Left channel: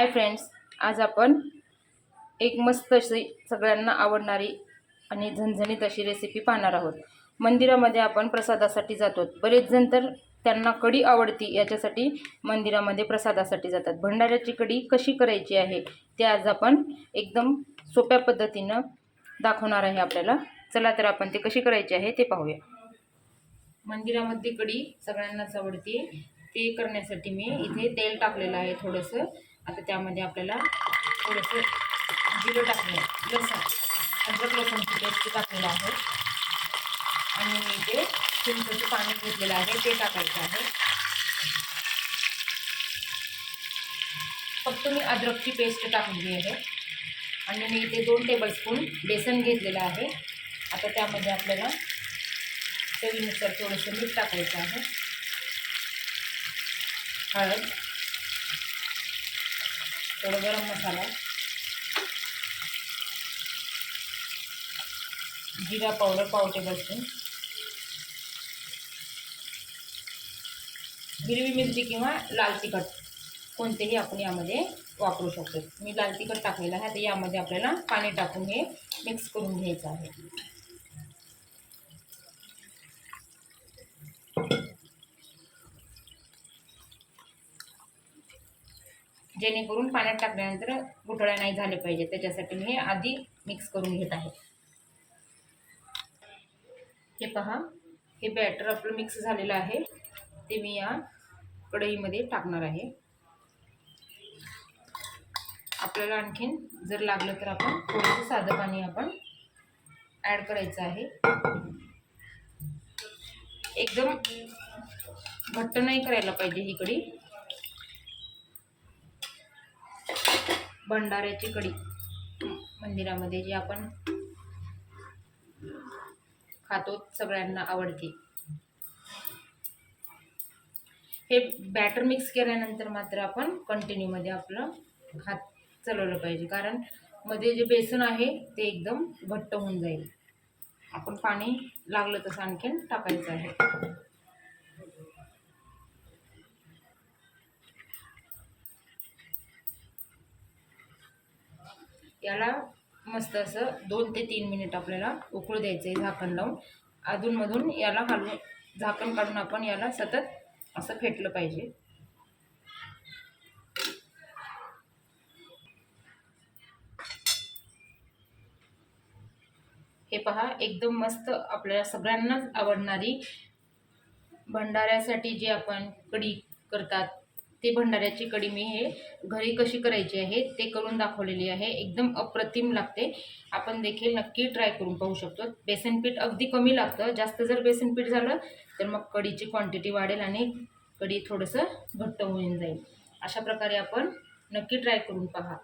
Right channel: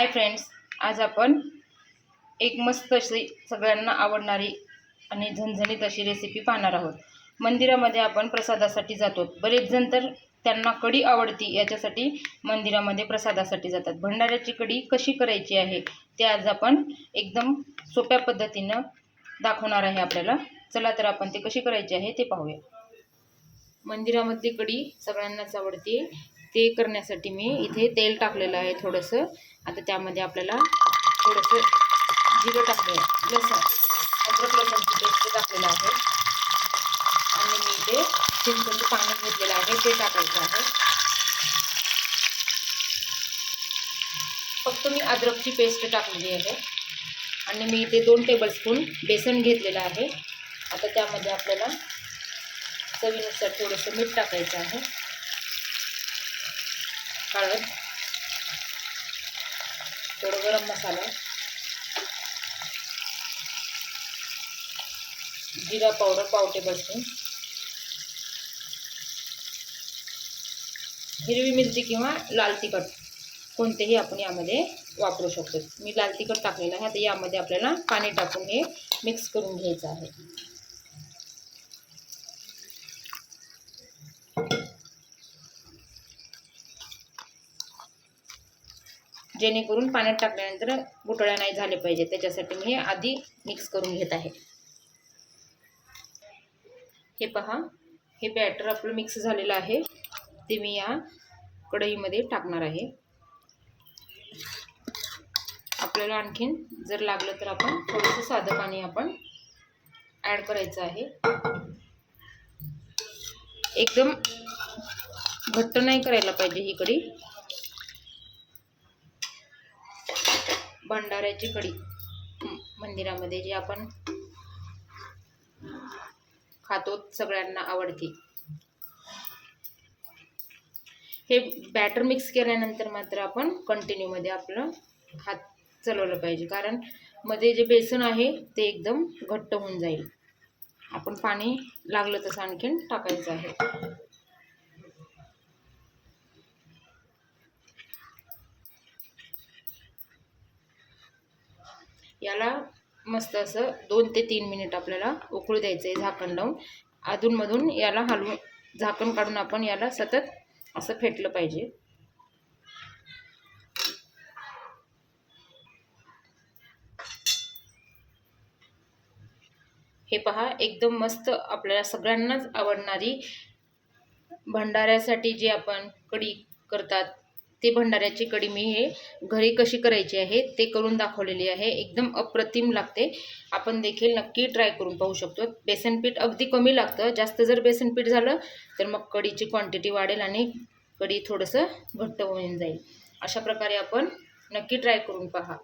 Hi friends आज आपण एक मस्त अशी सगळ्यांना आवडणारी आणि झणझणीत अशी रेसिपी पाहणार आहोत. मंदिरामध्ये आपण प्रसादासाठी जातो. बरेच जण तर त्यांना कढी आवडती याच्यासाठी मंदिरामध्ये प्रसादासाठी जातात. भंडाऱ्याची कढी कशी करायची आहे ते आज आपण एकदम सोप्या पद्धतीनं दाखवणार आहे आपल्याला. चला तर आपण ते कशी करायची आहे ते पाहूया. मंदिरामध्ये कढी सगळ्यांनाच आवडते. ते करण्यासाठी मी इथे तेल टाकलेलं आहे थोडंसं. आता त्यामध्ये आपल्याला थोडंसं जिरं टाकलं आहे. लसण. अद्रक लसणची पेस्ट टाकलेलं आहे. आणि मी इथे चिंचचं पाणी घेतलेलं आहे. ते टाकायचं आहे. फक्त मी अद्रकची पेस्ट टाकलेली आहे. आणि मी इथे दोन टेबलस्पून बेसन घेतलेलं आहे. आता त्यामध्ये आपल्याला चवीनुसार थोडंसं मीठ टाकायचं आहे. हळद थोडं गरम मसाला जिरा पावडर पाव टेबलस्पून हिरवी मिरची किंवा लाल तिखट कोणतेही आपण यामध्ये वापरू शकतो. मी लाल तिखट टाकलेलं आहे तर यामध्ये आपल्याला पाणी टाकून हे मिक्स करून घ्यायचं आहे. जेणेकरून पाण्यात टाकल्यानंतर गुटळ्या नाही झाले पाहिजे त्याच्यासाठी मी आधी मिक्स करून घेत आहे. हे पहा हे बॅटर आपलं मिक्स झालेलं आहे. ते मी या कढईमध्ये टाकणार आहे. आपल्याला आणखीन जर लागलं तर आपण थोडंसं साधं पाणी आपण ॲड करायचं आहे. एकदम घट्ट नाही करायला पाहिजे ही कढी भंडाऱ्याची कढी. मंदिरामध्ये जी आपण खातो सगळ्यांना आवडते. हे बॅटर मिक्स केल्यानंतर मात्र आपण कंटिन्यूमध्ये आपलं हात चालवलं पाहिजे. कारण मध्ये जे बेसन आहे ते एकदम घट्ट होऊन जाईल. आपण पाणी लागलं तसं आणखीन टाकायचं आहे. याला मस्त असं दोन ते तीन मिनिट आपल्याला उकळू द्यायचं आहे झाकण लावून. अधूनमधून याला हलवून झाकण काढून आपण याला सतत असं फेटलं पाहिजे. हे पहा एकदम मस्त आपल्याला सगळ्यांनाच आवडणारी भंडाऱ्यासाठी जी आपण कढी करतात ते भंडाऱ्याची कढी मी हे घरी कशी करायची आहे ते करून दाखवलेली आहे. एकदम अप्रतिम लागते. आपण देखील नक्की ट्राय करून पाहू शकतो. बेसन पीठ अगदी कमी लागतं. जास्त जर बेसन पीठ झालं तर मग कढीची क्वांटिटी वाढेल आणि कढी थोडंसं घट्ट होऊन जाईल. अशा प्रकारे आपण नक्की ट्राय करून पहा.